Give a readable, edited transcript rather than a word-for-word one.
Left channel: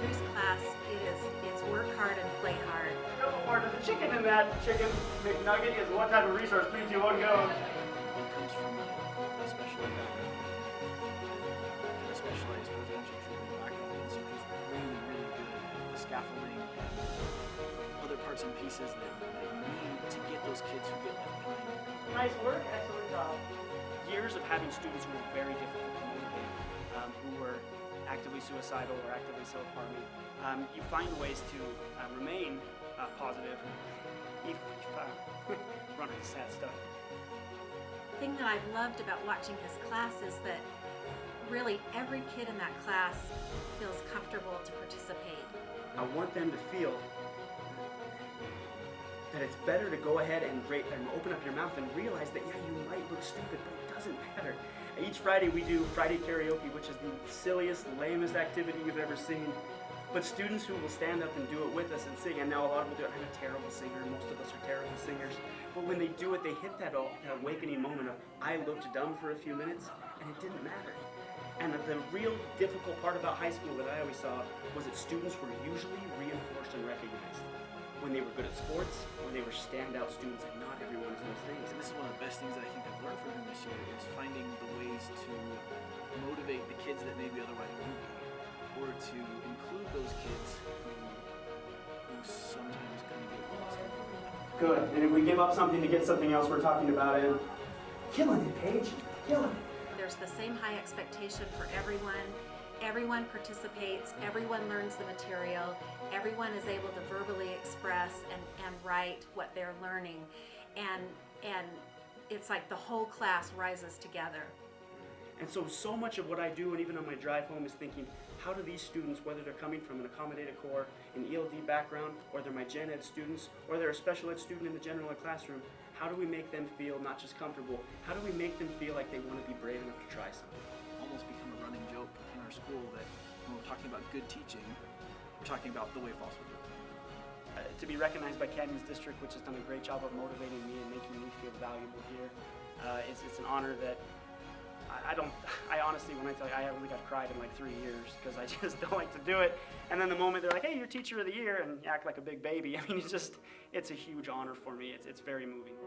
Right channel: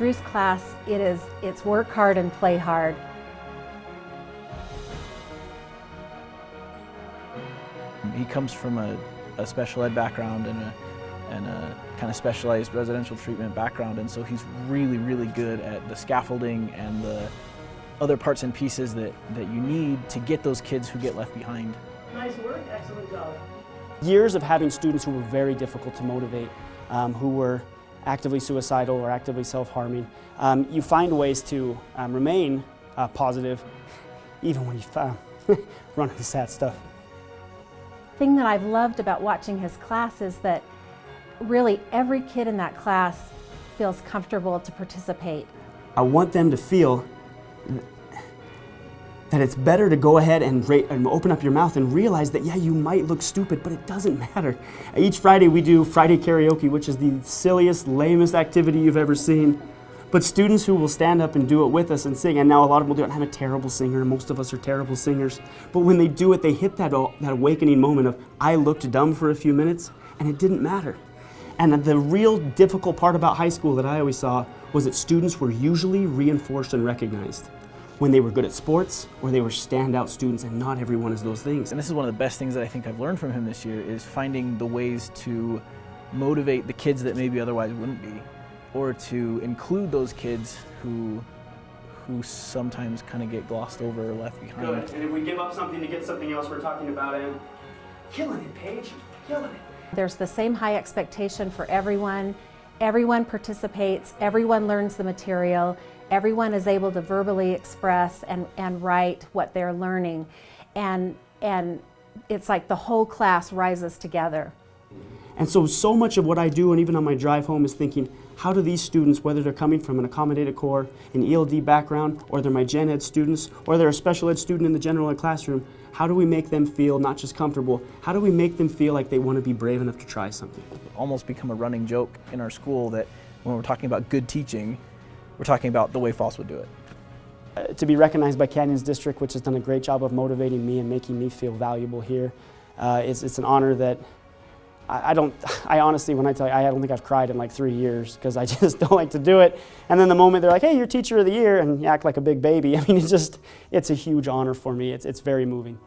Drew's class, it's work hard and play hard. There's a chicken in that chicken McNugget is one type of resource, 3, 2, 1, go. He comes from a special ed background and a kind of specialized residential treatment background, and so he's really, really good at the scaffolding and the other parts and pieces that you need to get those kids who get left behind. Nice work, excellent job. Years of having students who were very difficult to motivate, who were actively suicidal or actively self-harming, you find ways to remain positive even when you run into sad stuff. The thing that I've loved about watching his class is that really every kid in that class feels comfortable to participate. I want them to feel that it's better to go ahead and open up your mouth and realize that, yeah, you might look stupid, but it doesn't matter. Each Friday we do Friday karaoke, which is the silliest, lamest activity you've ever seen. But students who will stand up and do it with us and sing, and now a lot of them will do it. I'm a terrible singer, most of us are terrible singers. But when they do it, they hit that awakening moment of, I looked dumb for a few minutes, and it didn't matter. And the real difficult part about high school that I always saw was that students were usually reinforced and recognized when they were good at sports or they were standout students, and not everyone is those things. And this is one of the best things that I think I've learned from him this year, is finding the ways to motivate the kids that maybe otherwise wouldn't be, or to include those kids who sometimes kind of get glossed over or left behind. Good, and if we give up something to get something else, we're talking about it. Killing it, Paige, killing it. There's the same high expectation for everyone. Everyone participates, everyone learns the material, everyone is able to verbally express and write what they're learning. And it's like the whole class rises together. And so much of what I do, and even on my drive home, is thinking, how do these students, whether they're coming from an accommodated core, an ELD background, or they're my gen ed students, or they're a special ed student in the general ed classroom, how do we make them feel not just comfortable, how do we make them feel like they want to be brave enough to try something? Almost become a running joke in our school that when we're talking about good teaching, we're talking about the way Fosse would do it. To be recognized by Canyons District, which has done a great job of motivating me and making me feel valuable here, it's an honor that I honestly, when I tell you, I don't think I've cried in like 3 years, because I just don't like to do it. And then the moment they're like, hey, you're Teacher of the Year, and you act like a big baby, I mean, it's a huge honor for me. It's very moving.